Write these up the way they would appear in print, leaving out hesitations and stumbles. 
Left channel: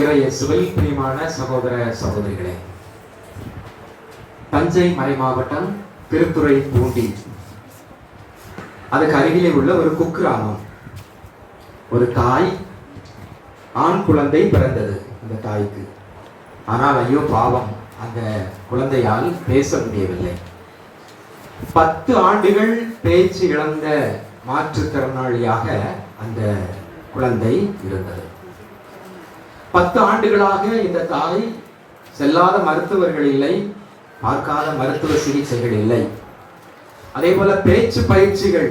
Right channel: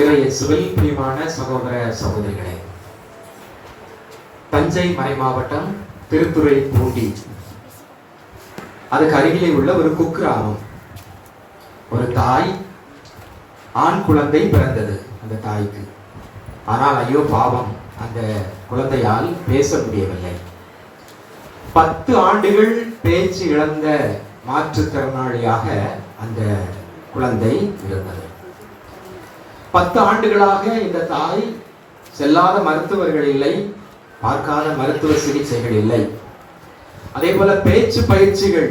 இறையேசுவில் பிரியமான சகோதர சகோதரிகளே, தஞ்சை மறைமாவட்டம் திருத்துறை பூண்டி அதுக்கு அருகிலே உள்ள ஒரு குக்கிராமம். ஒரு தாய், ஆண் குழந்தை பிறந்தது அந்த தாய்க்கு. ஆனால் ஐயோ பாவம், அந்த குழந்தையால் பேச முடியவில்லை. 10 ஆண்டுகள் பேச்சு இழந்த மாற்றுத்திறனாளியாக அந்த குழந்தை இருந்தது. 10 ஆண்டுகளாக இந்த தாய் செல்லாத மருத்துவர்கள் இல்லை, பார்க்காத மருத்துவ சிகிச்சைகள் இல்லை. அதே போல பேச்சு பயிற்சிகள்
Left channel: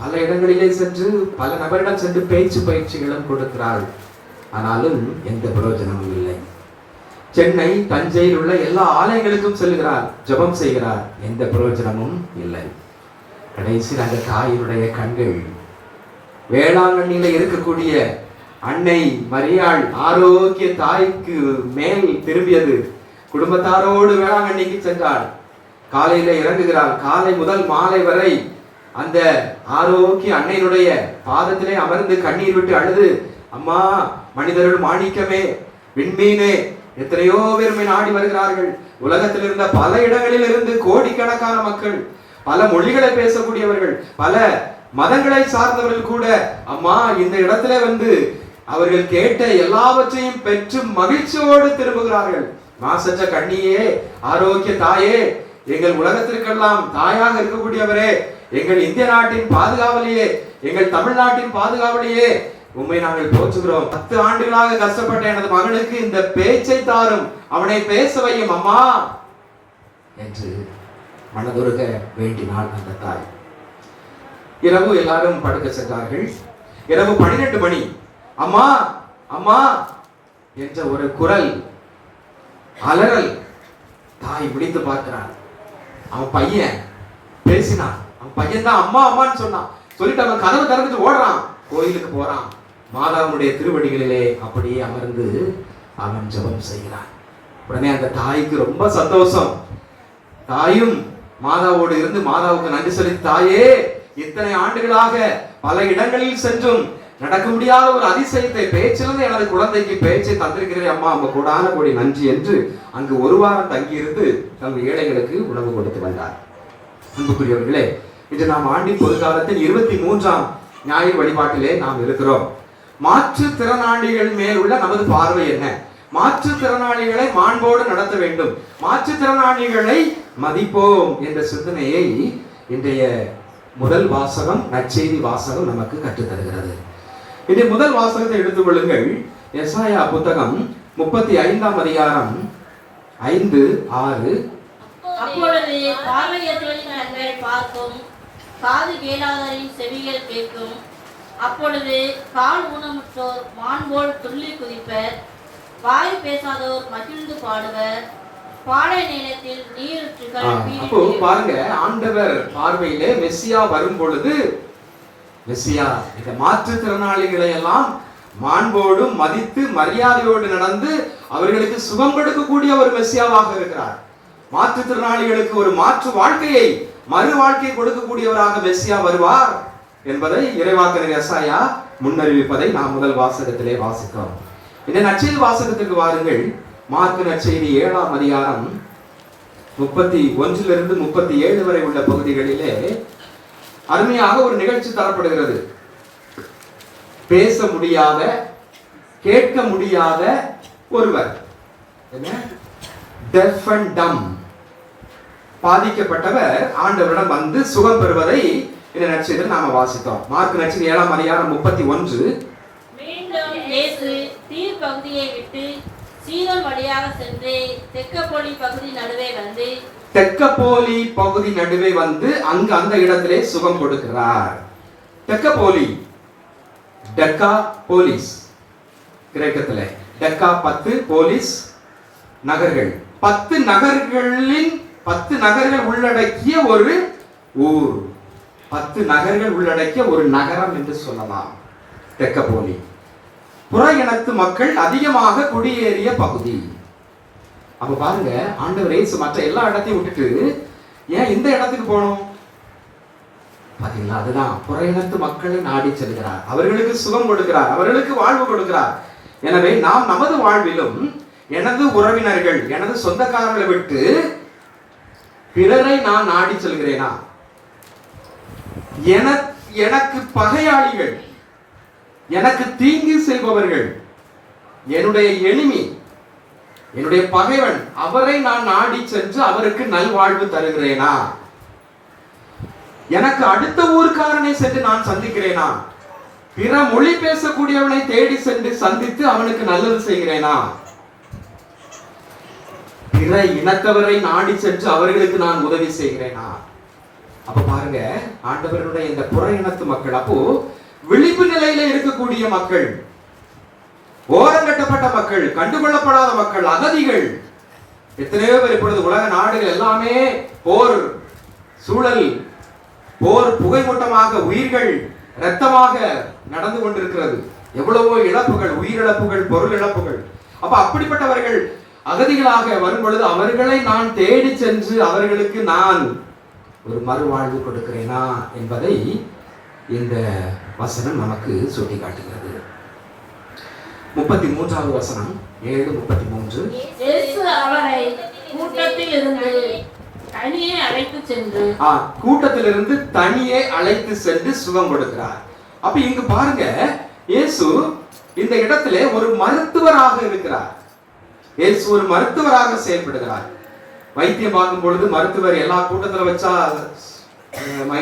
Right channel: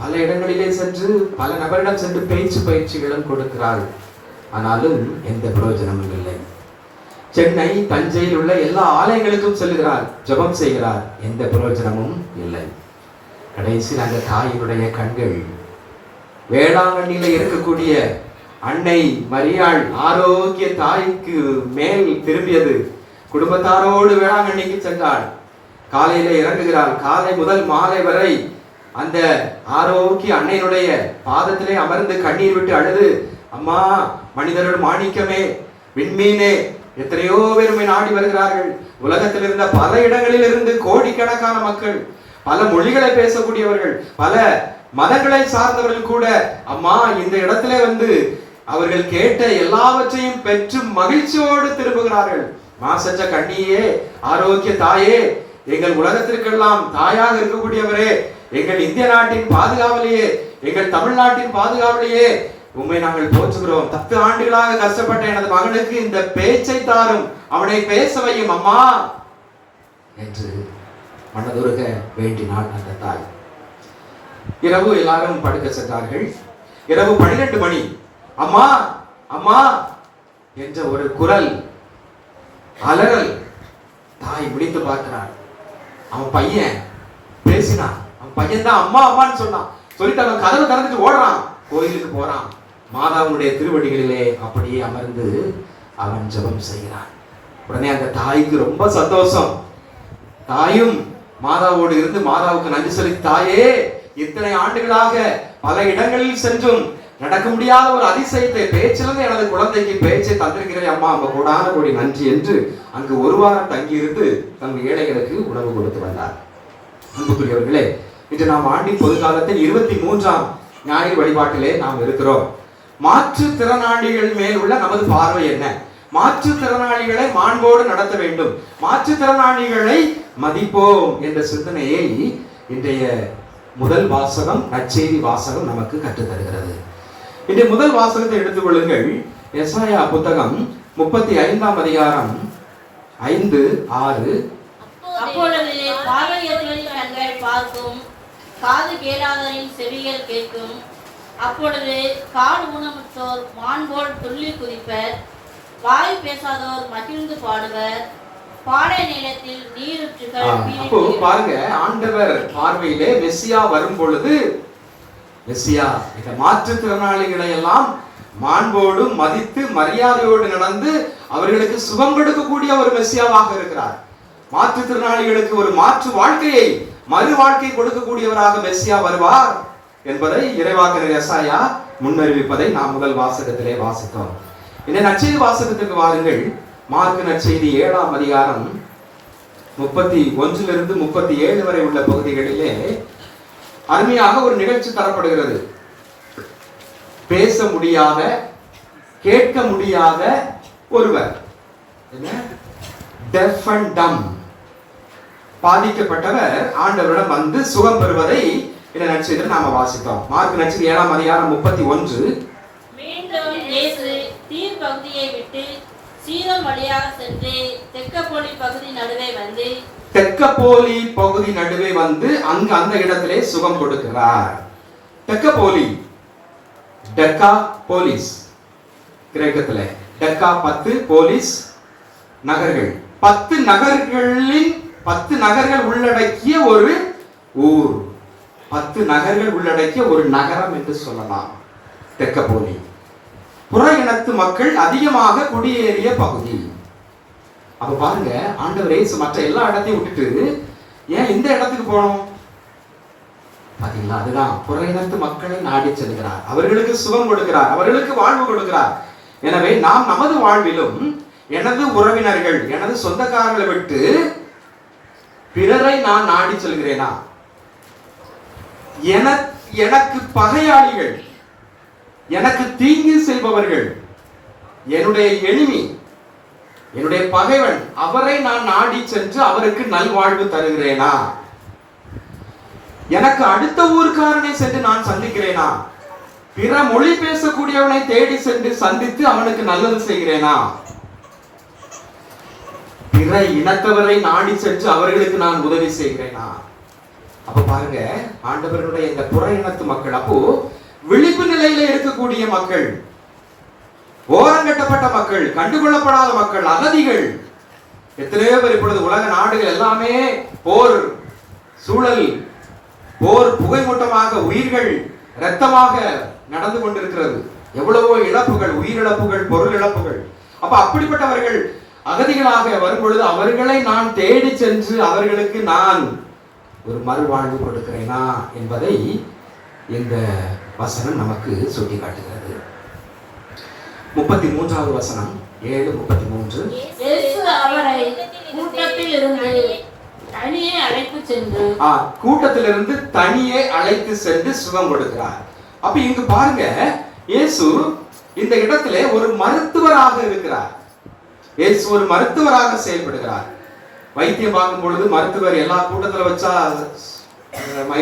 பல இடங்களிலே சென்று பல நபரிடம் சென்று பேச்சு பயிற்சிகளும் கொடுக்கிறாள். ஆனாலும் எந்த பிரயோஜனமும் இல்லை. சென்னை, தஞ்சையில் உள்ள எல்லா ஆலயங்களுக்கும் செல்கிறார், ஜெபம் செய்கிறார், எந்த பிரயோஜனமும் இல்லை. கடைசியில் அந்த தாயினுடைய கண்கள் வேளாங்கண்ணியில இருக்கக்கூடிய அன்னை மரியாள் ஆரோக்கிய தாய்க்கு மேல் திரும்பியது. குடும்பத்தாரோடு வேளாங்கண்ணிக்கு சென்றாள். காலையில இறங்குகிறாள். காலை முதல் மாலை வரை அந்த ஆரோக்கிய அன்னையினுடைய பாதத்திலே அமர்ந்து கண்ணீர் விட்டு அழுது, அம்மா, மனிதர்கள் மாணிக்கமே, விண்மீனே, எத்தனையோ பேருமே நாடி வருகிறார்கள். உலகத்தில் இருந்த பல இடங்களில் இருந்து கோடிக்கணக்கான மக்கள், பல மொழிகளை பேசக்கூடியவர்கள், பல மதங்களை சார்ந்தவர்கள் கூட அம்மா இந்த இடத்துல வந்து அவர்கள் கேட்ட எல்லாவற்றையும் பெற்று மகிழ்ச்சியோடு திரும்புகிறார்கள். மாசற்ற கண்ணியே, ஆரோக்கிய தாயே, எங்கள் உலகத்திற்கெல்லாம் தாயாக இருக்கக்கூடியவரே, எங்கள் இந்திய நாட்டின் பாதுகாவலையே, எங்கள் தமிழ்நாட்டின் பாதுகாவலையே, உண்மை நாங்கள் போற்றுகிறோம். 10 ஆண்டுகளாக கஷ்டப்பட்ட எனது மகனுக்கு இந்த பேச்சை தாரும், அவனை பேச வையும் அம்மா என்று மனதுருக வேண்டினாள் அந்த தாய். இரவு எல்லாரும் படுக்க சென்றார்கள். இரவு 12 மணி. அம்மா அம்மா என்ற ஒரு குரல், அலறல். தாய் விழித்து பார்க்கிறான். அவன் பையன் பேசினான். அவன் பையன் தான் அம்மா அம்மான்னு சொன்னான். சொல்லிட்டு அவன் கதவை திறந்துட்டு ஓடுறான், கோயிலுக்கு போறான். மாதாவுடைய திருவடிகளிலே அப்படியே அமர்ந்து அவன் ஜெபம் செய்கிறான். உடனே அந்த தாய்க்கு ரொம்ப சந்தோஷம். தாயும் மாதாவோடு இருந்து மாதாவுக்கு நன்றி சொல்லி, தாயே, இத்தனை ஆண்டுகளாக பல இடங்களில் சென்றும் நடக்க முடியாத ஒரு அதிசயத்தை பேச்சிலிருந்து எனது குழந்தைக்கு பேச்சை தந்திருக்கிறேன் அம்மா, அவங்க கூடான கூடி நன்றி என்று அங்கு ஒரு வாரம் தங்கியிருந்து தங்கள் ஏழைகளுக்கு உணவு கொடுத்து வந்தார். அன்புக்குரியவர்களே, இன்று நாம் ஆண்டின் பொதுக்காலத்தில் 23ஆம் ஞாயிறு வழிபாட்டிலே நாம் இருக்கிறோம். மாற்றுத்திறனாளிகள் மேல் உள்ள நமது பார்வை என்ன? மாற்றுத்திறனாளிகளை மாண்போடு நடத்த வேண்டும், மாற்றுத்திறனாளிகளை மதிப்போம் என்ற சிந்தனையை இன்றைய முதல் வாசகம், நற்செய்தி வாசகம் நமக்கு கற்றுத் தருகிறது. இன்றைய முதல் வாசகத்தை எடுத்துக் கொள்ளுங்கள். எசாயா புத்தகம் 35ஆம் அதிகாரம் 5, 6. அப்பொழுது பார்வையற்றவரின் கண்கள் பார்க்கும், காது கேளாதவரின் செவிகள் கேட்கும். அப்பொழுது கால் ஊனமுற்றோர் மான்போல் துள்ளி குதிப்பர், வாய் பேசாதோர் மகிழ்ந்து பாடுவர், பாலை நிலத்தில் நீரூற்றுகள். பாருங்க, ஆண்டவர் பார்வையிலே மெசியா வரும் பொழுது, மெசியா இந்த மாற்றுத்திறனாளிகளை எல்லாம் மாண்போடு மதித்து மரியாதையோடு நடந்து அவர்களுக்கு சுகம் கொடுக்கக்கூடிய ஒரு மெசியாவாக இருக்கிறார். மாற்றுத்திறனாளிகளுக்கு ஒரு மாற்று வாழ்க்கையை, மறு வாழ்க்கை கொடுக்கக்கூடியவராக மெசியா வருவார் என்பதை இறைவாக்கினர் எசாயா முன்னறிவிப்பதை நாம் முதல் வாசகத்திலே வாசித்தோம். இந்த நற்செய்தி வாசகத்திற்கு வாருங்கள். மார்க்கு நற்செய்தி 7ஆம் அதிகாரம் 31 37 வரை உள்ள பகுதிகளிலே அருமையாக ஒரு நிகழ்ச்சி தரப்படுகிறது. பேச முடியாத, கேட்க முடியாத ஒருவர், டெஃப் அண்ட் டம், பாதிக்கப்பட்டவர் ஆண்டவரிடம் வந்து சுகம் பெறுவதை இந்த நற்செய்தியில் நாம வாசித்தோம். மார்க்கு நற்செய்தி 7ஆம் அதிகாரம் 31. மீண்டும் இயேசு தீர் பகுதியை விட்டு சீதோன் வழியாக சென்று தெக்கப்போலி பகுதி நடுவே வந்து அங்கு அந்த இடத்திலே சுகம் கொடுக்கிறார். தெக்கப்போலி, டெக்கா போலிஸ், கிரேக்கத்திலே டெக்கா 10, போலிஸ் நகர்கள். 10 நகர்களில் 10 நகர்கள் உள்ளடக்கிய ஒரு ஊர், 10 நகர்கள் உள்ளடக்கிய ஒரு நகரம் என்று சொல்லலாம் தெக்கப்போலி. புற இனத்து மக்கள் அதிகமாக குடியேறிய பகுதி. அப்ப பாருங்க, ஆண்டவர் இயேசு மற்ற எல்லா இடத்தையும் விட்டுட்டு ஏன் இந்த இடத்துக்கு போனோம்? பாத்தீங்களா, அதுதான் புற இனத்து மக்களை நாடி செல்கிறார், அவர்களுக்கு சுகம் கொடுக்கிறார், அவர்களுக்கு வாழ்வு கொடுக்கிறார். எனவே நாம் நமது வாழ்விலும் எனது உறவினர்கள், எனது சொந்தக்காரர்களை விட்டு பிறரை நான் நாடி செல்கிறேனா? எனக்கு பகையாளிகள், எனக்கு தீங்கு செய்பவர்கள், என்னுடைய எனிமி, என்னுடைய பகைவன், அவரை நான் நாடி சென்று அவருக்கு நல்வாழ்வு தருகிறேனா? எனக்கு அடுத்த ஊர்க்காரனை சென்று நான் சந்திக்கிறேனா? பிற மொழி பேசக்கூடியவனை தேடி சென்று சந்தித்து அவனுக்கு நல்லது செய்கிறேனா? பிற இனத்தவரை நாடி சென்று அவர்களுக்கு நான் உதவி செய்கிறேனா? அப்ப பாருங்க, ஆண்டவருடைய இந்த புற இனத்து மக்கள், அப்போ விழிப்பு நிலையில இருக்கக்கூடிய மக்கள், ஓரங்கட்டப்பட்ட மக்கள், கண்டுகொள்ளப்படாத மக்கள், அகதிகள், எத்தனையோ பேர் இப்பொழுது உலக நாடுகள் எல்லாமே போர் சூழல், போர் புகைமூட்டமாக, உயிர்கள் இரத்தமாக நடந்து கொண்டிருக்கிறது. எவ்வளவோ இழப்புகள், உயிரிழப்புகள், பொருள் இழப்புகள். அப்ப அப்படிப்பட்டவர்கள் அகதிகளாக வரும் பொழுது அவர்களை நான் தேடி சென்று அவர்களுக்கு நான் ஒரு மறுவாழ்வு கொடுக்கிறேனா என்பதை இந்த வசனம் நமக்கு சுட்டி காட்டுகிறது. 33வது வசனம், 7:33. இயேசு அவரை கூட்டத்தில் இருந்து தனியே அழைத்து சென்று கூட்டத்திலிருந்து தனியே அழைத்து சென்று சுகம் கொடுக்கிறார். அப்ப இங்கு பாருங்க, இயேசு இந்த இடத்திலே ஒரு மருத்துவராக இருக்கிறார். இயேசு ஒரு மருத்துவராக செயல்படுகிறார். வைத்தியம் பார்க்கும் பொழுது மருத்துவர் எல்லா கூட்டத்தில் வச்சா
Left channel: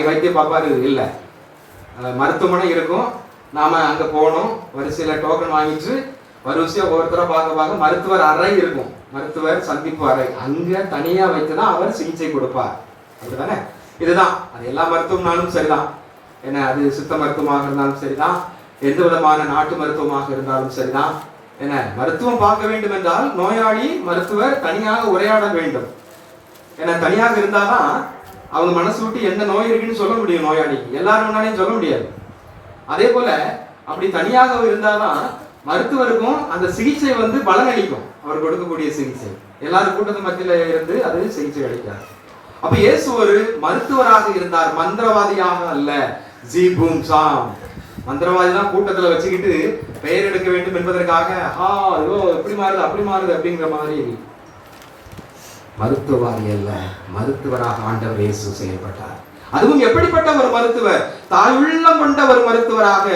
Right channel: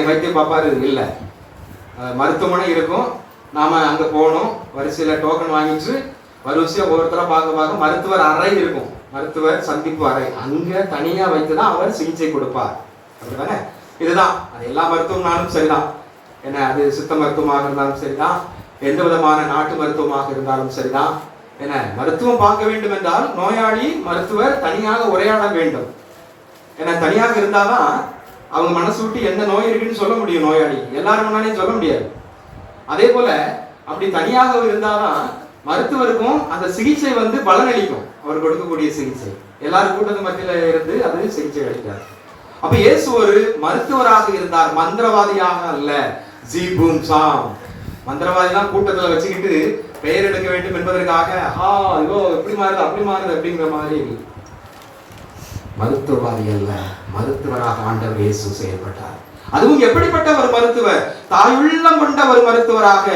வைத்தியம் பார்ப்பாரு இல்ல, மருத்துவமனை இருக்கும், நாம அங்க போகணும், வரிசையில டோக்கன் வாங்கிட்டு வரிசையா ஒவ்வொருத்தர பார்க்க மருத்துவர் அறை இருக்கும், மருத்துவர் சந்திப்பு அறை, அங்க தனியா வைத்துதான் அவர் சிகிச்சை கொடுப்பார். அதுதானே? இதுதான் அது எல்லா மருத்துவம்னாலும் சரிதான், என்ன அது சித்த மருத்துவமாக இருந்தாலும் சரிதான், எந்த விதமான நாட்டு மருத்துவமாக இருந்தாலும் சரிதான். என்ன, மருத்துவம் பார்க்க வேண்டும் என்றால் நோயாளி மருத்துவர் தனியாக உரையாட வேண்டும். ஏன்னா தனியாக இருந்தாதான் அவங்க மனசு விட்டு எந்த நோய் இருக்குன்னு சொல்ல முடியும். நோயாளி எல்லாரும் முன்னாடியும் சொல்ல முடியாது. அதே போல அப்படி தனியாக இருந்தாதான் மருத்துவருக்கும் அந்த சிகிச்சை பலனளிக்கும். அவர் கொடுக்கக்கூடிய சிகிச்சை எல்லாரும் கூட்டத்து மத்தியில இருந்து அது சிகிச்சை அளிக்கிறார். அப்ப இயேசு ஒரு மருத்துவராக இருந்தார், மந்திரவாதியாக அல்ல. ஜீபூம் சாம் மந்திரவாதி தான் கூட்டத்துல வச்சுக்கிட்டு பெயர் எடுக்க வேண்டும் என்பதற்காக ஐயோ இப்படி மாறுது அப்படி மாறுது அப்படிங்கிற மாதிரி மருத்துவவாதி அல்ல, மருத்துவராக ஆண்டவர் இயேசு செயல்பட்டார். அதுவும் எப்படிப்பட்ட ஒரு மருத்துவர்? தாயுள்ளம் கொண்ட ஒரு மருத்துவராக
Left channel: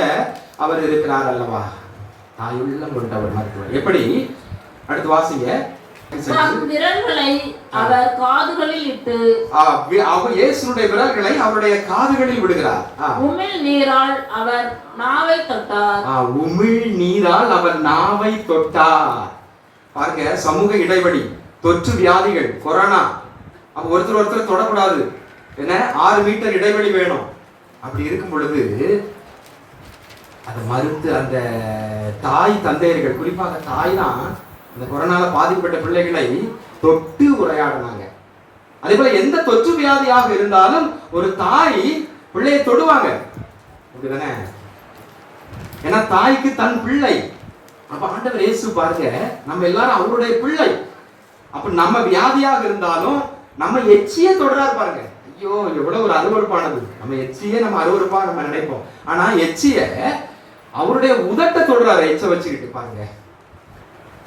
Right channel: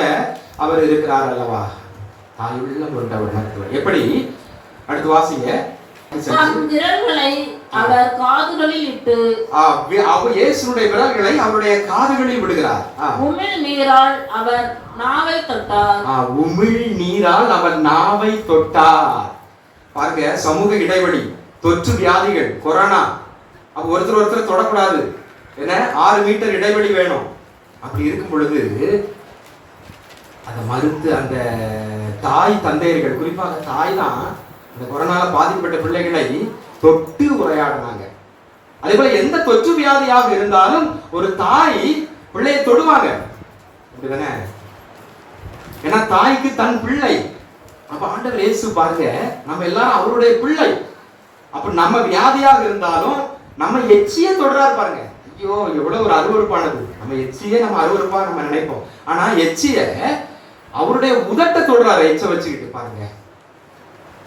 அவர் இருக்கிறார் அல்லவா? தாயுள்ளம் கொண்ட ஒரு மருத்துவர். எப்படி? அடுத்து வாசிங்க. விரல்களை அவர் காதுகளில் இட்டு, அவர் இயேசுனுடைய விரல்களை அவருடைய காதுகளில் விடுகிறார். உமிழ் நீரால் அவர் நாவை தொட்டார். உமிழ் நீரால் அவர் நாவை தொட்டார். பாருங்க, சமூக இடைவெளி, தொற்று வியாதிகள், கொரோனா, அப்ப ஒருத்தர் தொடக்கூடாது, என்ன 6 மீட்டர் இடைவெளி வேணும். அப்படி இருக்கும் பொழுது அதை மறுத்து அந்த தாய் தந்தையர்கள், குறிப்பாக தாய் தான் இந்த கொரோனால பாதிக்கப்பட்ட பிள்ளைகளை தொட்டு உரையாடினாங்க. அதே போல எந்த தொற்று வியாதியாக இருந்தாலும் ஒரு தாய் பிள்ளையை தொடுவாங்க, அப்படிதானே? ஏன்னா தாய்க்கு தன் பிள்ளை. அப்ப ஆண்டவர் இயேசு பாருங்க, நம்ம எல்லாரும் அவருடைய பிள்ளை. அப்ப நம்ம வியாதியாக இருந்தாலும் நம்ம எச்சிய தொடராது பாருங்க. ஐயோ எவ்வளவு ஒரு அருவருப்பானது. நம்ம எச்சியே நம்ம அருவருப்பா நம்ம நினைப்போம். ஆனா எச்சிய அவருடைய உதட்ட தொடராரு, எச்ச வச்சுக்கிட்டு பாருங்க.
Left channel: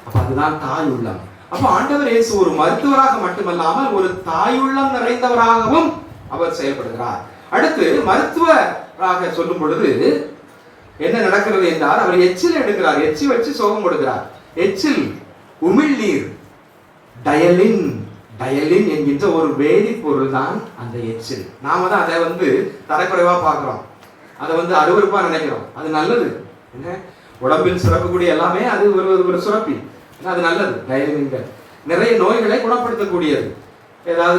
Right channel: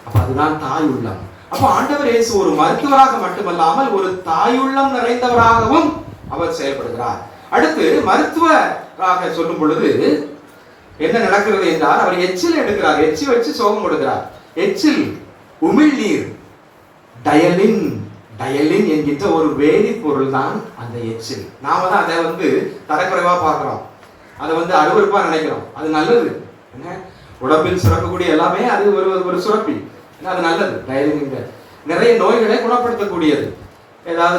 அப்ப அதுதான் தாய் உள்ளம். அப்ப ஆண்டவர் இயேசு ஒரு மருத்துவராக மட்டுமல்லாமல் ஒரு தாயுள்ளம் நிறைந்தவராகவும் அவர் செயல்படுகிறார். அடுத்து மருத்துவராக சொல்லும் பொழுது என்ன நடக்கிறது என்றால், அவர் எச்சில் எடுக்கிறார், எச்சி வச்சு சோகம் கொடுக்கிறார். எச்சில் உமிழ் நீர், டயலின், டயலின் என்கின்ற ஒரு வேதிப்பொருள் தான் அந்த எச்சில். நாம தான் அதை தரக்குறைவா பார்க்கிறோம், அதை அருவருப்பா நினைக்கிறோம். அது நல்லது, என்ன உடம்பில் சுரக்கக்கூடிய எல்லாமே அது ஒரு சுரப்பி, அது நல்லது. டயலின் நிறைய நோய்களை குணப்படுத்தக்கூடியது. ஏதாவது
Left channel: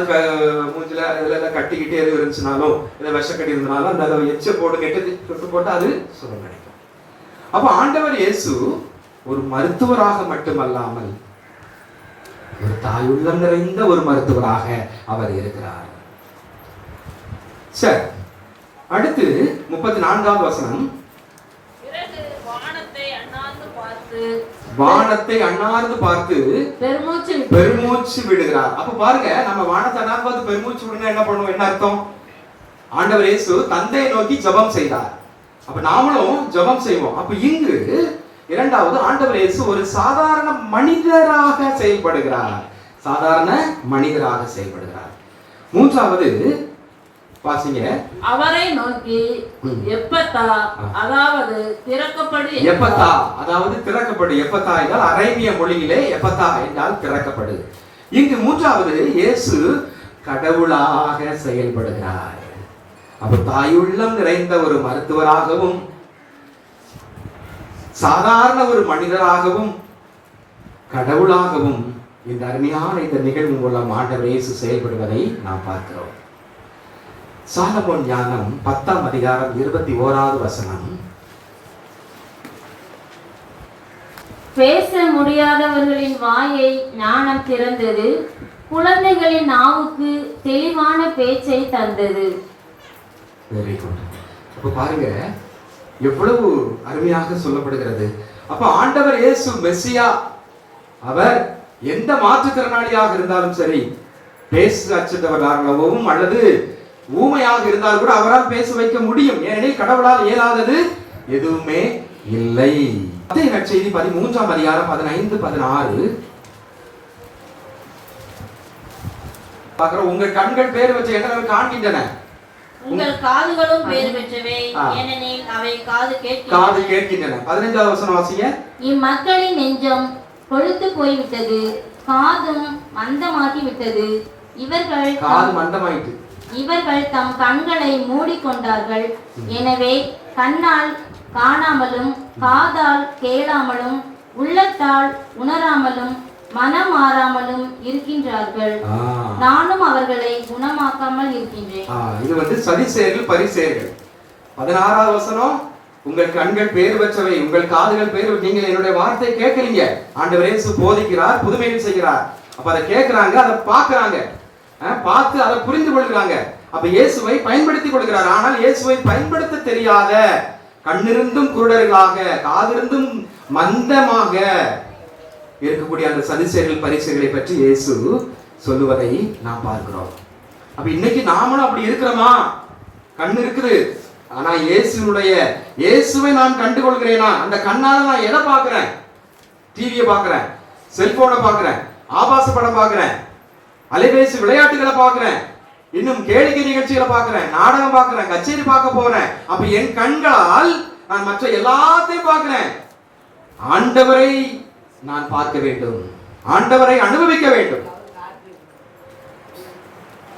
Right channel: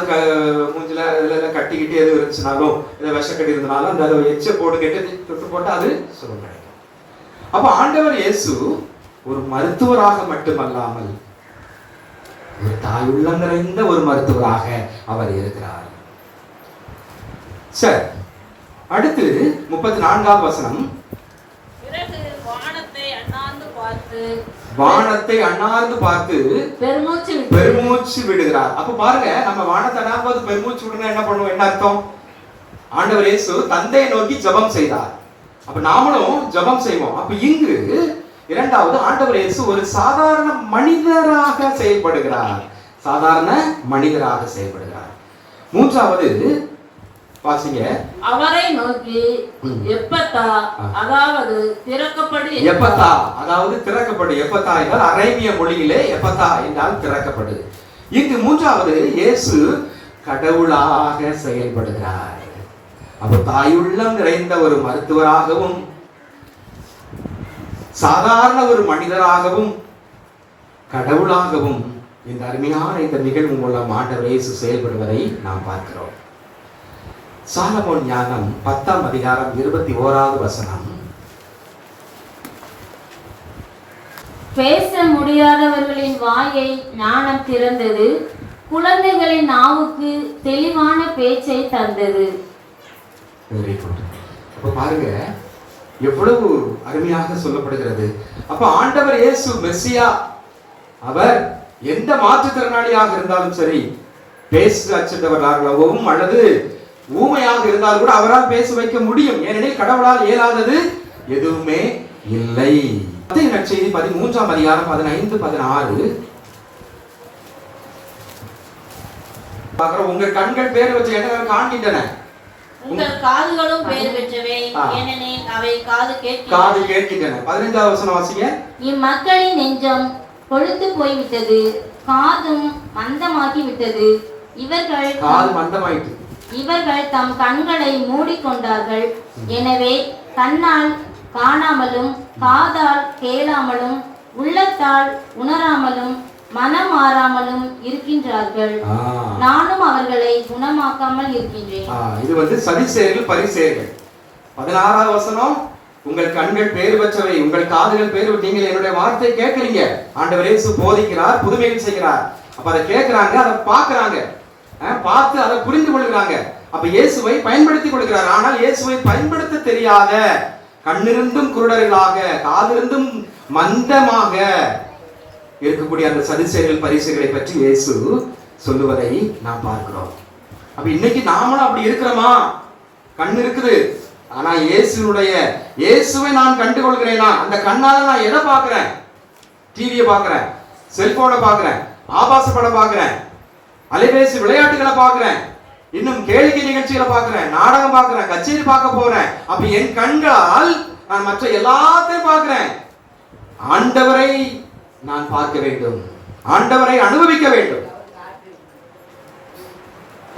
மூஞ்சில இதுல கட்டிக்கிட்டு எது இருந்துச்சுனாலும், இதை விஷக்கட்டி இருந்தாலும் அந்த எச்சை போட்டு கெட்டு தொட்டு போட்டு அது சுகம் கிடைக்கும். அப்ப ஆண்டவர் இயேசு ஒரு மருத்துவராக மட்டுமல்லாமல் ஒரு தாயுள்ளம் நிறைந்த ஒரு மருத்துவராக அவர் இருக்கிறார். சரி, அடுத்து 34வது வசனம். வானத்தை அண்ணாந்து பார்த்து பெருமூச்சு விடுகிறார். அப்ப பாருங்க, நம்ம வானத்தை அண்ணாந்து பெருமூச்சு விடுனா என்ன பண்ணுவோம்? என்ன அர்த்தம்? ஆண்டவர் இயேசு தந்தையை நோக்கி ஜெபம் செய்தார். அப்ப நாமளும் ஜெபம் செய்வோம். அப்ப இங்கு இரண்டாவது, ஆண்டவர் இயேசு ஒரு சாதாரண மனிதராக செயல்படுகிறார். சாதாரண மனிதராக செயல்படுகிறார். மூன்றாவது வாசிங்க. அவரை நோக்கி எப்பத்தா, அதாவது திறக்கப்படு. எப்பத்தா அதாவது திறக்கப்படு. எப்பத்தா என்றால் அரேபிய மொழியிலே எப்பத்தா என்றால் திறக்கப்படு. இங்கு மூன்றாவது, இயேசு கடவுளாக செயல்படுகிறார். அவர் தாயுள்ளம் நிறைந்த ஒரு மருத்துவராகவும் சாதாரண ஒரு மனிதராகவும் கடவுளாகவும் இந்த அருமையான இந்த நிகழ்வு மூலம் ஆண்டவர் இயேசு செயல்படுவதை நாம் பார்க்கிறோம். சாலமோன் ஞானம் 10ஆம் அதிகாரம் 21வது வசனம். பேச முடியாதவர்களின் வாயை ஞானம் திறந்தது, குழந்தைகளின் நாவுக்கு தெளிவான பேச்சை தந்தது. Very good. அப்ப பாருங்க எவ்வளவு அருமையாக சொல்லப்படுகிறது. அப்ப ஆண்டவர் இயேசு மெசியா, அவர் எந்த மாற்றுத்திறனாளியாக இருந்தாலும் சரி, பேச அச்சத்தவராகவும் அல்லது ஊமையாக இருந்தால் கூட அவரால் பேச வைக்க முடியும். ஏனெனில் கடவுளால் இயலாதது எதுவுமே இல்லை. மத்தேயு நற்செய்தி 13ஆம் அதிகாரம் 15, 16. உங்க கண்கள் பேர் வச்ச இடங்கள் காண்கின்றன, உங்கள் காதுகளும் பேர் பெற்றவை, ஏனெனில் அவை காது கேட்கின்றன. 15வது வசனம் வாசிங்க. இம்மக்களின் நெஞ்சம் கொழுத்து போய்விட்டது, காதும் மந்தமாகி விட்டது. இவர்கள் தம் கண்களை மூடிக்கொண்டார்கள். எனவே கண்ணால் காணாமலும் காதால் கேளாமலும் உள்ளத்தால் உணராமலும் மனம் மாறாமலும் இருக்கின்றார்கள். நானும் அவர்களை குணமாக்காமல் இருக்கின்றேன். இது சதிசேயர்கள் பரிசேயர்கள். 16வது வசனம், உங்கள் கண்கள் பேர் பெற்றவை, உங்கள் காதுகள் பேர். நீங்கள் என்னுடைய வார்த்தை கேட்கறீங்க. ஆண்டவர் இயேசு போதிக்கிறார், புதுமைகள் செய்கிறார். அப்ப அதை கேட்கிறாங்க, அதை பார்க்கறாங்க, பார்த்து அதை புரிந்து கொள்கிறாங்க. அப்ப இயேசுவை பயன்படுத்தி கொள்கிறார். ஆனால் இயேசுவை பயன்படுத்த தெரியாத, கண்ணிருந்தும் குருடர்களாக, காதிருந்தும் மந்தமாக இருக்கக்கூடிய அந்த சதிசேயர்கள் பரிசேயர்களை பற்றி இயேசு சொல்லுவதை நாம் பார்க்கிறோம். அப்ப இன்னைக்கு நாமளும் அப்படி இருக்கிறோமா? கண் இருக்குது, ஆனா இயேசுவை நான் கண்டு கொள்கிறேனா? அந்த கண்ணால நான் எதை பார்க்கிறேன்? டிவியை பார்க்கிறேன், செல்போனை பார்க்கிறேன், ஆபாச படம் பார்க்கிறேன், அலைபேசி விளையாட்டுகளை பார்க்கிறேன், இன்னும் கேளிக்கை நிகழ்ச்சிகளை பார்க்கிறேன், நாடகம் பார்க்கிறேன், கச்சேரி பார்க்க போறேன். அப்ப என் கண்களால் நான் மற்ற எல்லாத்தையும் பார்க்கிறேன். ஆண்டவரை நான் பார்க்க வேண்டும், ஆண்டவரை அனுபவிக்க வேண்டும்.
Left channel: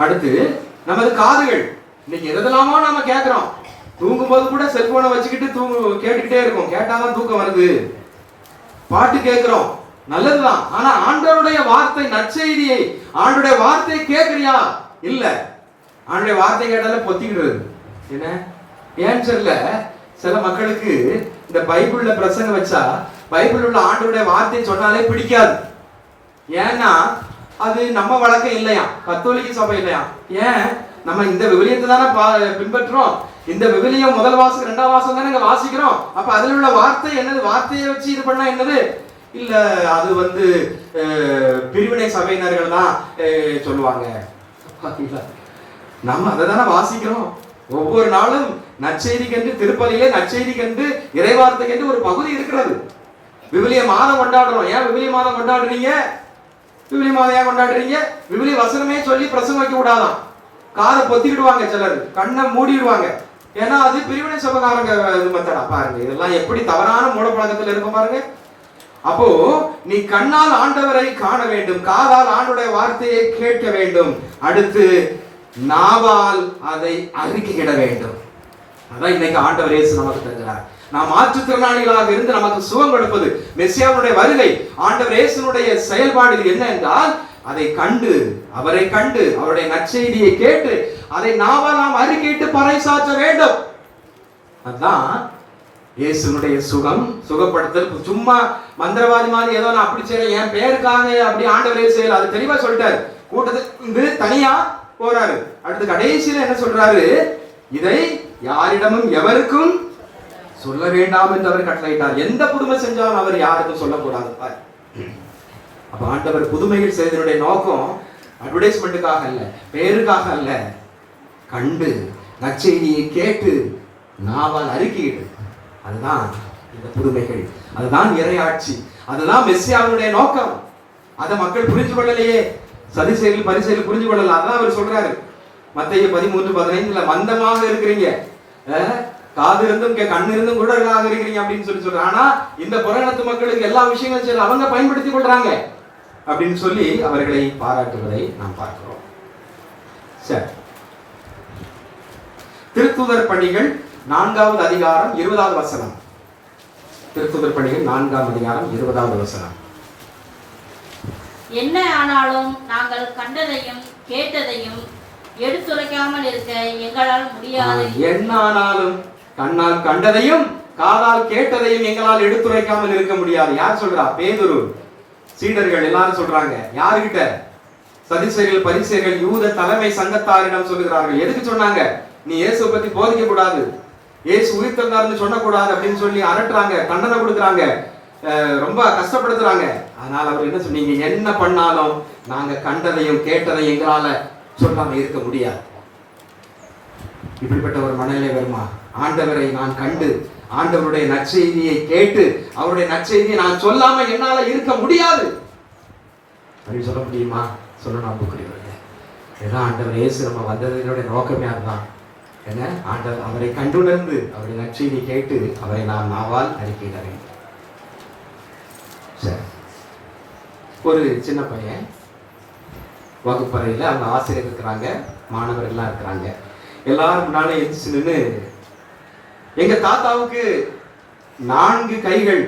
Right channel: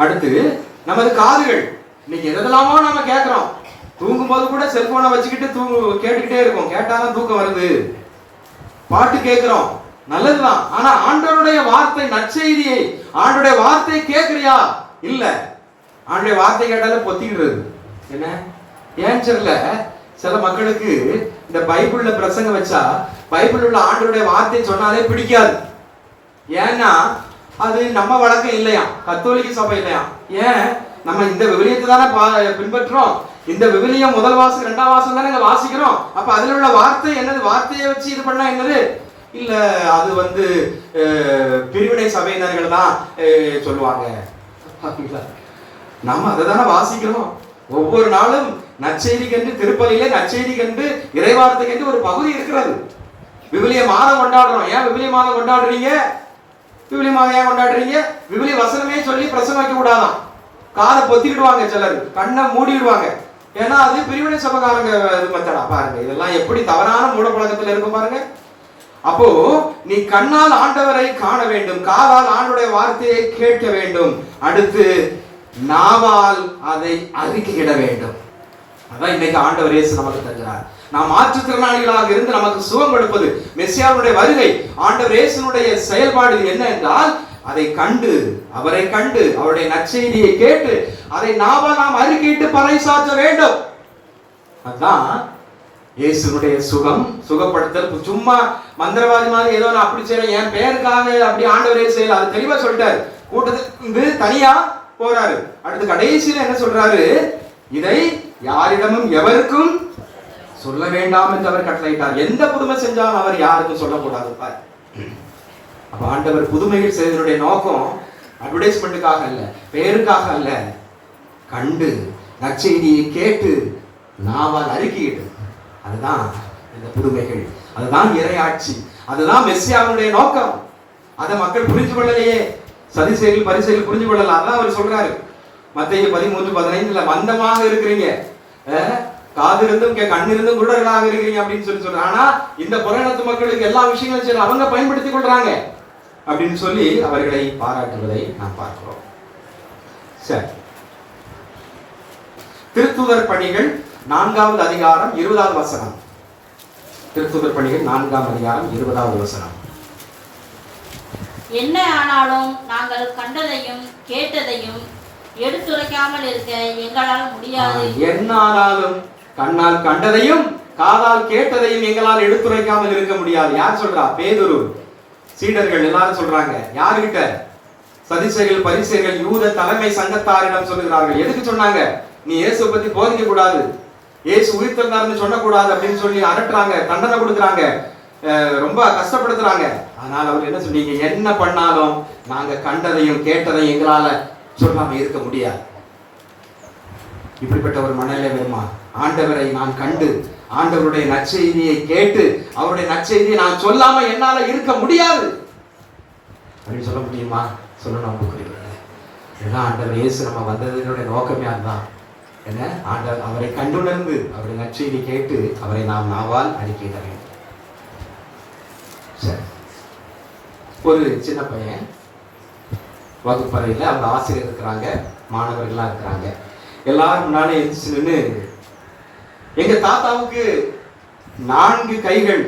அடுத்து நமது காதுகள். இன்னைக்கு எதெல்லாமோ நாம கேட்கிறோம். தூங்கும் போது கூட செல்போனை வச்சுக்கிட்டு கேட்டுக்கிட்டே இருக்கும். கேட்டாதான் தூக்கம் வருது. பாட்டு கேட்கிறோம், நல்லதுதான். ஆனா ஆண்டவருடைய வார்த்தை, நற்செய்தியை, ஆண்டவருடைய வார்த்தையை கேட்கிறியா? இல்ல. ஆண்டவருடைய வார்த்தை கேட்டாலே பொத்திக்கிறது. என்ன ஏன் தெரியல, சில மக்களுக்கு இந்த பைபிள்ல பிரசங்கம் வச்சா பைபிள் உள்ள ஆண்டவருடைய வார்த்தை சொன்னாலே பிடிக்காது. ஏன்னா அது நம்ம வழக்கம் இல்லையா, கத்தோலிக்க சபை இல்லையா. ஏன் நம்ம இந்த விவிலியத்தை தானே பின்பற்றோம். இந்த விவிலியம் முதல் வாசகம் இரண்டாம் வாசகம் தானே வாசிக்கிறோம். அப்ப அதுல உள்ள வார்த்தை என்னது? வார்த்தையை வச்சு இது பண்ணா என்னது? இல்ல, அது பிரிவினை சபையினர்கள் தான் சொல்லுவாங்க. நம்ம அதை தானே வாசிக்கிறோம். ஒவ்வொரு நாளும் நற்செய்திக்கென்று, திருப்பலியிலே நற்செய்திக்கென்று, இறைவார்த்தைக்கென்று ஒரு பகுதி இருக்கிறது. விவிலிய மாதம் கொண்டாடுறோம். ஏன் விவிலிய மாதம் கொண்டாடுறீங்க? விவிலிய மாதம் ஏன் கொண்டாடுறீங்க? விவிலிய வசனமே சொல்லி பிரசங்கம் வைக்க கூடாதான். காதை பொத்திக்கிடுவாங்க, சிலர் கண்ணை மூடிடுவாங்க. ஏன்னா அது பிரிவினை சபைக்காரங்க மெத்தடா. பாருங்க இதெல்லாம் எப்படி தவறான மூடப்பழக்கத்தில் இருக்கும் பாருங்க. அப்போ நீ கண்ணால் ஆண்டவரை காண வேண்டும், காதால் ஆண்டவருடைய வார்த்தையை கேட்க வேண்டும், அடுத்து நாவால் அதை அறிக்கையிட வேண்டும். அதான் இன்னைக்கு ஆண்டவர் இயேசு நமக்கு தருகிறார். நாம் மாற்றுத்திறனாளிகளாக இருந்து நமக்கு சுகம் கொடுப்பது மெசியாவுடைய வருகை. ஆண்டவர் இயேசுனுடைய செயல்பாடு என்ன என்றால், அதை கண்டு, அவரை கண்டு, அவருடைய நற்செய்தியை கேட்டு அதை நாவால் நாம் அறிக்கையிட்டு பறைசாற்ற வேண்டும். அதான் இயேசுனுடைய சுகப்படுத்தல். சும்மா மந்திரவாதி மாதிரி ஏதோ நான் அப்படி செய்யறேன், என் பெயருக்காக அப்படி ஆண்டவர் இயேசு செய்யல. அது தெளிவா சொல்லிட்டாரு. கூட்டத்துக்கு தனியா போறாரு. அடுத்து கடைசியில என்ன சொல்றாரு? இதை யாரிடமும் எவருக்கும் சொல்ல வேண்டாம் என்று அவர் கட்டளையிட்டார். எந்த புதுமை செஞ்சாலும் அவர் யாருக்கும் சொல்லக்கூடாது. ஆண்டவர் புதுமையில் செய்தனுடைய நோக்கம் அட்வர்டைஸ்மெண்ட்டுக்காக அல்ல, பெயருக்காக அல்ல. கண்டு நற்செய்தியை கேட்டு நாவால் அறிக்கையிட்டு, அதுதான் இந்த புதுமைகள். அதுதான் இறையாட்சி, அதுதான் மெஸ்ஸியாவுடைய நோக்கம். அதை மக்கள் புரிஞ்சு கொள்ளலையே. சதிசேரிகள் பரிசேரிகள் புரிஞ்சு கொள்ளலாம். அதான் அவர் சொல்றாரு மத்தேயு 13:15, மந்தமாக இருக்கிறீங்க, காது இருந்தும் கண் இருந்தும் குருடர்களாக இருக்கிறீங்க அப்படின்னு சொல்றாரு. ஆனா இந்த புறநத்து மக்களுக்கு எல்லா விஷயங்களும் சரி அவங்க பயன்படுத்திக் கொள்றாங்க அப்படின்னு சொல்லி அவர்களை பாராட்டுவதை நாம் பார்க்கிறோம். சரி, திருத்தூதர் பணிகள் 4வது அதிகாரம் 20வது வசனம். திருத்தூதர் பணிகள் 4ஆம் அதிகாரம் 20வது வசனம். என்ன ஆனாலும் நாங்கள் கண்டதையும் கேட்டதையும் எடுத்துரைக்காமல் இருக்க எங்களால் முடியாது. என்ன ஆனாலும் கண்ணால் கண்டதையும் காதால் கேட்டதையும் எங்களால் எடுத்துரைக்காமல் இருக்க முடியாது. யார் சொல்றா? பேதுரு, சீடர்கள் எல்லாரும் சொல்றாங்க. யாருகிட்ட? சதிசேரிகள் பரிசேரிகள் யூத தலைமை சங்கத்தாரிடம் சொல்லுகிறார்கள். எதுக்கு சொன்னாங்க? நீ இயேசு பத்தி போதிக்க கூடாது, இயேசு உயிர்த்தெழுந்தார்னு சொல்லக்கூடாது அப்படின்னு சொல்லி அரட்டுறாங்க, தண்டனை கொடுக்குறாங்க, ரொம்ப கஷ்டப்படுத்துறாங்க. ஆனால் அவர் என்ன சொன்னீங்க? என்ன பண்ணாலும் நாங்க கண்டதையும் கேட்டதையும் எங்களால சொல்லாம இருக்க முடியாது. இப்படிப்பட்ட ஒரு மனநிலை வருமா? ஆண்டவரை நான் கண்டு ஆண்டவருடைய நற்செய்தியை கேட்டு அவருடைய நற்செய்தியை நான் சொல்லாம என்னால இருக்க முடியாது அப்படின்னு சொல்ல முடியுமா? சொல்லணும். இதெல்லாம் ஆண்டவர் இயேசு நம்ம வந்ததனுடைய நோக்கமே அதுதான். என்ன? ஆண்டவர் அவரை கண்டுணர்ந்து அவருடைய நற்செய்தி கேட்டு அவரை நாம் நாவால் அறிக்கையிட வேண்டும். சரி, ஒரு சின்ன பையன் வகுப்பறையில் அவங்க ஆசிரியர் இருக்கிறாங்க, மாணவர்கள்லாம் இருக்கிறாங்க. எல்லாரும் முன்னாலே எழுந்துச்சு நின்று, எங்க தாத்தாவுக்கு 4 கைகள்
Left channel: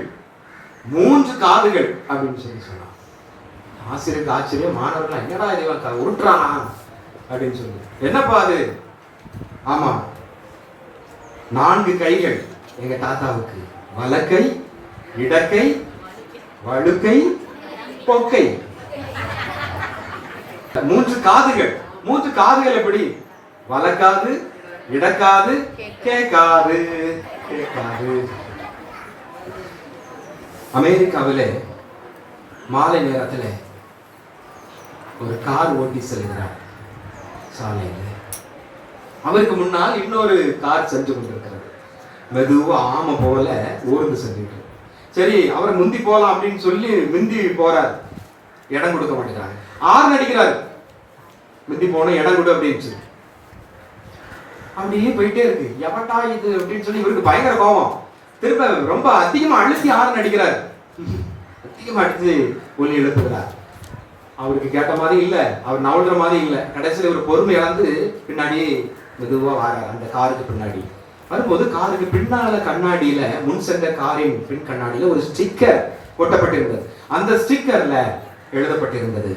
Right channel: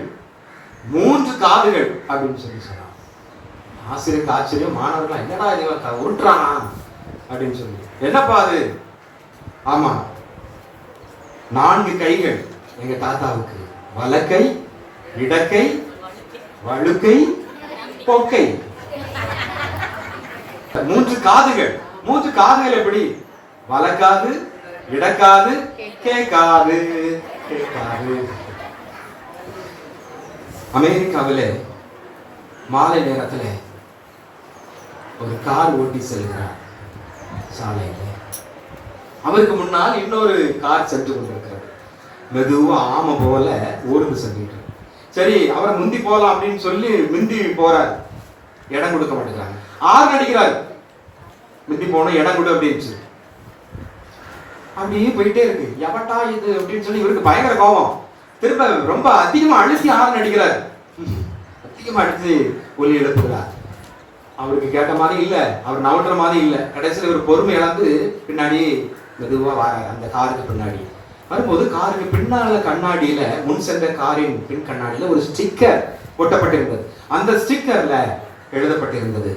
3 காதுகள் அப்படின்னு சொல்லி சொன்னான். ஆசிரியருக்கு ஆச்சரியம், மாணவர்கள் என்னடா இதை உருட்டுறானா அப்படின்னு சொல்லி. என்னப்பா அது? ஆமா, 4 கைகள் எங்க தாத்தாவுக்கு, வலக்கை, இடக்கை, வழுக்கை, பொக்கை. 3 காதுகள். 3 காதுகள் எப்படி? வலக்காது, இடக்காது, கேட்காது. அமெரிக்காவிலே மாலை நேரத்தில் ஒரு கார் ஓட்டி செல்கிறார் சாலையில். அவருக்கு முன்னால் இன்னொரு கார் சென்று கொண்டிருக்கிறது. மெதுவா ஆமை போல ஊர்ந்து சென்றுட்டு. சரி, அவரை முந்தி போலாம் அப்படின்னு சொல்லி முந்தி போறார். இடம் கொடுக்க மாட்டேங்கிறாங்க. ஆறு அடிக்கிறார், முந்தி போன இடம் கொடு அப்படின்னு சொல்லி. அப்படியே போயிட்டே இருக்கு. எவட்டா இது அப்படின்னு சொல்லி இவருக்கு பயங்கர கோபம். திரும்ப ரொம்ப அதிகமா அழுத்தி ஆறு அடிக்கிறார். அதிகமா அடித்து ஒலி எழுப்புகிறார். அவருக்கு கேட்ட மாதிரி இல்ல, அவர் நவடுற மாதிரி இல்ல. கடைசியில் ஒரு பொறுமை இழந்து பின்னாடி மெதுவா வர அந்த காருக்கு பின்னாடி வரும்போது, காருக்கு பின்னால கண்ணாடியில, முன் சென்ற காரின் பின் கண்ணாடியில ஒரு ஸ்டிக்கர் ஒட்டப்பட்டிருந்தது. அந்த ஸ்டிக்கர்ல எழுதப்பட்டிருந்தது,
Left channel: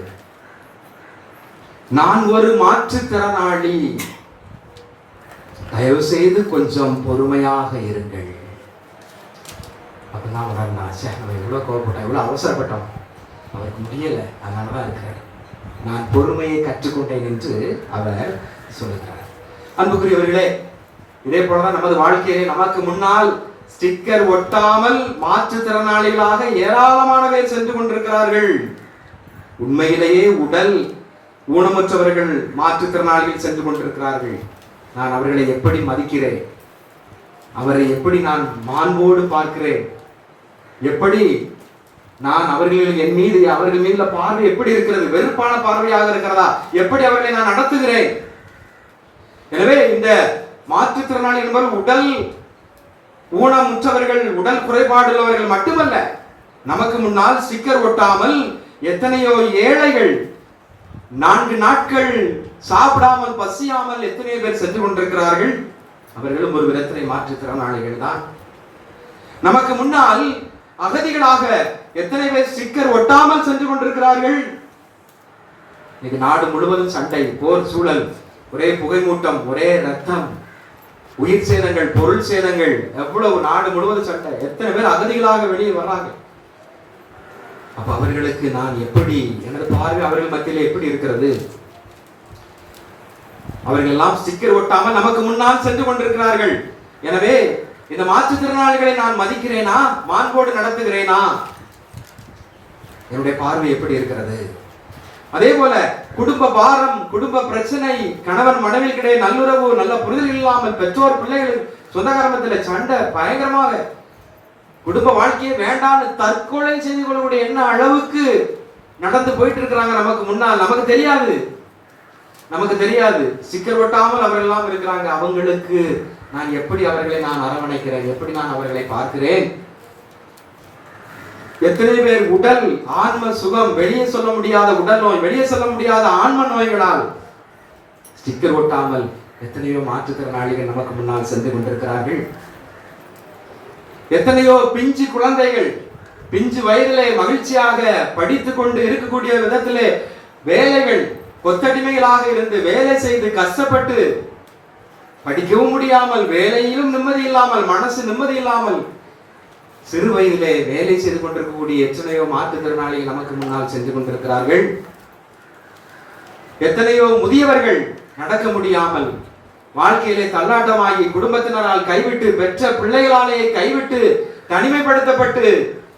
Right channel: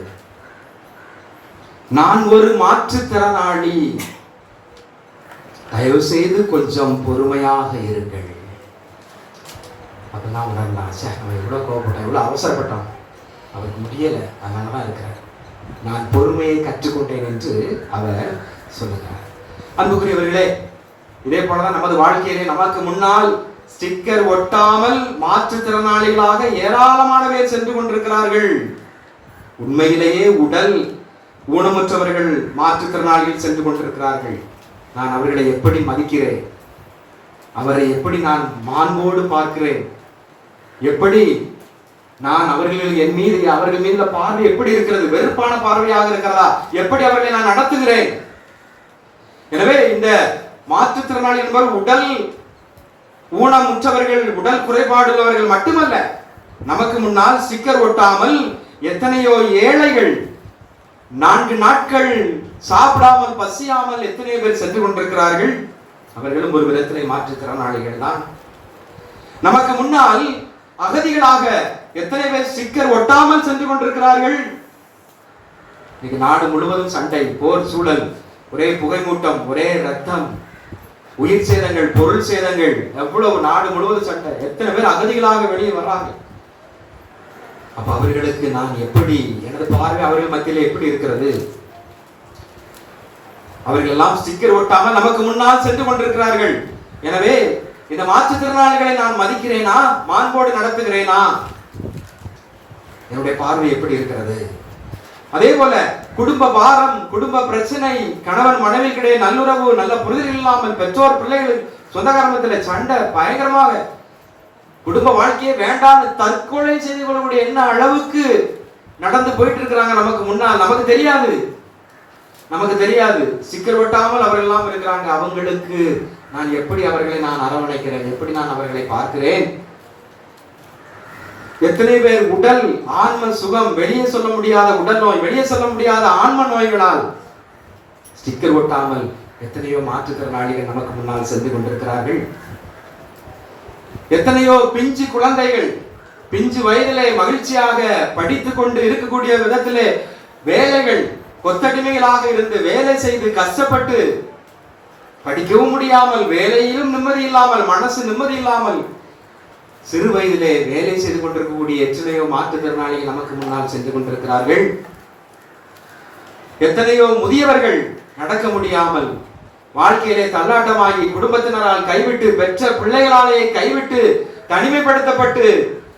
நான் ஒரு மாற்றுத்திறனாளி, தயவு செய்து கொஞ்சம் பொறுமையாக இருங்கள். அப்பதான் உணர்ந்தா, அவன் எவ்வளவு கோபப்பட்டான், எவ்வளவு அவசரப்பட்டான், அவருக்கு முடியல, அதனாலதான் இருக்கிறார். நான் பொறுமையை கற்றுக்கொண்டேன் என்று அவர் சொல்லுகிறார். அன்புக்குரியவர்களே, இதே போலதான் நமது வாழ்க்கையிலே நமக்கு முன்னால் ஸ்டிக்கர் ஒட்டாமல் மாற்றுத்திறனாளிகளாக ஏராளமான பேர் சென்று கொண்டிருக்கிறார்கள். உண்மையிலேயே உடல் ஊனமுற்றவர்கள் மாற்றுத்திறனாளிகள் சென்று கொண்டிருக்கிறார்கள். நான் அவர்களை எப்படி மதிக்கிறேன், அவரை எப்படி நான் மாண்போடு பார்க்கிறேன், எப்படி நான் அவர்கள் என் மீது அவர்கள் மீது பார்வை எப்படி இருக்கிறது, வெறுப்பான பார்வையாக இருக்கிறதா, எப்படி அவர்களை நான் நடத்துகிறேன். எனவே இந்த மாற்றுத்திறனாளி என்பவர் உடல் ஊனமுற்றவர்கள், உடல் குறைபாடு உள்ளவர்கள் மட்டுமல்ல, நமக்கு முன்னால் ஸ்டிக்கர் ஒட்டாமல் எத்தனையோ ஏழைகள் 4 நாட்கள் சாப்பிடாமல் பசியாமல் எத்தனையோ பேர் சென்று கொண்டிருக்கிறார்கள். அவர்களும் ஒரு விதத்திலே மாற்றுத்திறனாளிகள் தான். நமக்கு முன்னால் அகதிகளாக எத்தனை பேர் ஸ்டிக்கர் ஒட்டாமல் சென்று கொண்டிருக்கிறார்கள். இன்னைக்கு நாடு முழுவதும் சண்டை, போர் சூழல், ஒரே புகைமூட்டம், ஒரே ரத்தம், உயிர் சேதங்கள், பொருள் சேதங்கள், எவ்வளவு நாடு முழுவதும் சண்டை. எத்தனை பேர் அகதிகளாக வெளியே வர்றாங்க. அப்ப அவர்களுக்கு நான் எப்படி, எனது பார்வை அவர்கள் மத்தியில் எப்படி இருக்கிறது? அவர்கள் எல்லாம் ஸ்டிக்கர் ஒட்டாமல் நமக்கு முன்னால் சென்று கொண்டிருக்கிறார்கள். எனவே இந்த மாற்றுத்திறனாளிகளை நான் மதிக்கிறேனா, மாண்போடு நடத்துகிறேனா? என்னுடைய பார்வை எப்படி இருக்கிறது? அதே போல குடும்ப பாரம், குடும்ப பிரச்சனை, கணவன் மனைவிக்கிடையே நல்லுறவு, நல்ல புரிதல் இல்லாமல், பெற்றோர் பிள்ளைகள் சொந்த கர்மத்தில் சண்டை பயங்கரமாக, குடும்ப வாழ்க்கையே வேண்டாம்னு தற்கொலை செய்து கொள்ளக்கூடிய என்ன அளவுக்கு நடந்து போயிட்டு இருக்கிறாங்க நமக்கு முன்னால். நமக்கு தெரியாது சிக்கல் ஒட்டாமல் அவர்கள் எல்லாம் இருக்கிறாங்க. அவங்களுக்கு நான் எப்படி அவர்களை நான் அரவணைக்கிறேன், எப்படி நான் அவர்களை பார்க்கிறேன். எத்தனை பேர் உடல் ஆன்ம சுகம், வெளியே சொல்ல முடியாத உடல் நோய், வெளியே சொல்ல முடியாத ஆன்ம நோய்களால் ஸ்டிக்கர் ஒட்டாமல் எத்தனையோ மாற்றுத்திறனாளிகள் நமக்கு முன்னால் சென்று கொண்டிருக்கிறார்கள். எத்தனையோ பிஞ்சு குழந்தைகள் பிஞ்சு வயதிலே மகிழ்ச்சியாக படித்துக் கொண்டு இருக்கக்கூடிய விதத்திலே வேலைகள் கொத்தடிமைகளாக இருந்து வேலை செய்து கஷ்டப்பட்டு படிக்கவும் முடியாமல், வேலையிலும் நிம்மதி இல்லாமல், மனசு நிம்மதி இல்லாமல் சிறு வயதிலே வேலை செய்து கொண்டிருக்கக்கூடிய எத்தனையோ மாற்றுத்திறனாளிகள் நமக்கு முன்னால் சென்று கொண்டிருக்கிறார்கள். எத்தனையோ முதியவர்கள் நடக்க முடியாமல் வாழ்க்கையிலே தள்ளாட்டமாகி குடும்பத்தினரால் கைவிட்டு, பெற்ற பிள்ளைகளாலே கைவிட்டு, தனிமைப்படுத்தப்பட்டு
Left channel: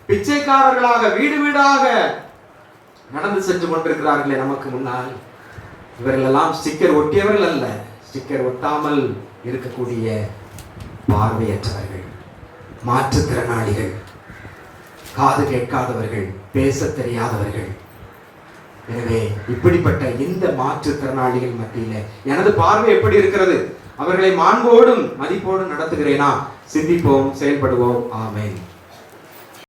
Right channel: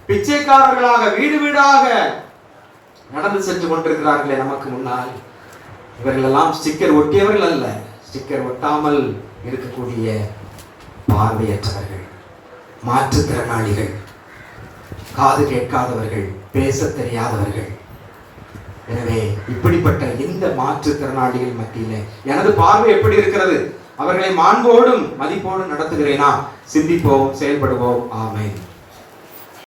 பிச்சைக்காரர்களாக வீடு வீடாக நடந்து சென்று கொண்டிருக்கிறார்களே நமக்கு முன்னால். இவர்கள் எல்லாம் ஸ்டிக்கர் ஒட்டியவர்கள் அல்ல, ஸ்டிக்கர் ஒட்டாமல் இருக்கக்கூடிய பார்வையற்றவர்கள், மாற்றுத்திறனாளிகள், காது கேட்காதவர்கள், பேச தெரியாதவர்கள். எனவே இப்படிப்பட்ட இந்த மாற்றுத்திறனாளிகள் மத்தியிலே எனது பார்வை எப்படி இருக்கிறது? அவர்களை மாண்போடும் மதிப்போடும் நடத்துகிறேனா? சிந்திப்போம், செயல்படுவோம். ஆமென்.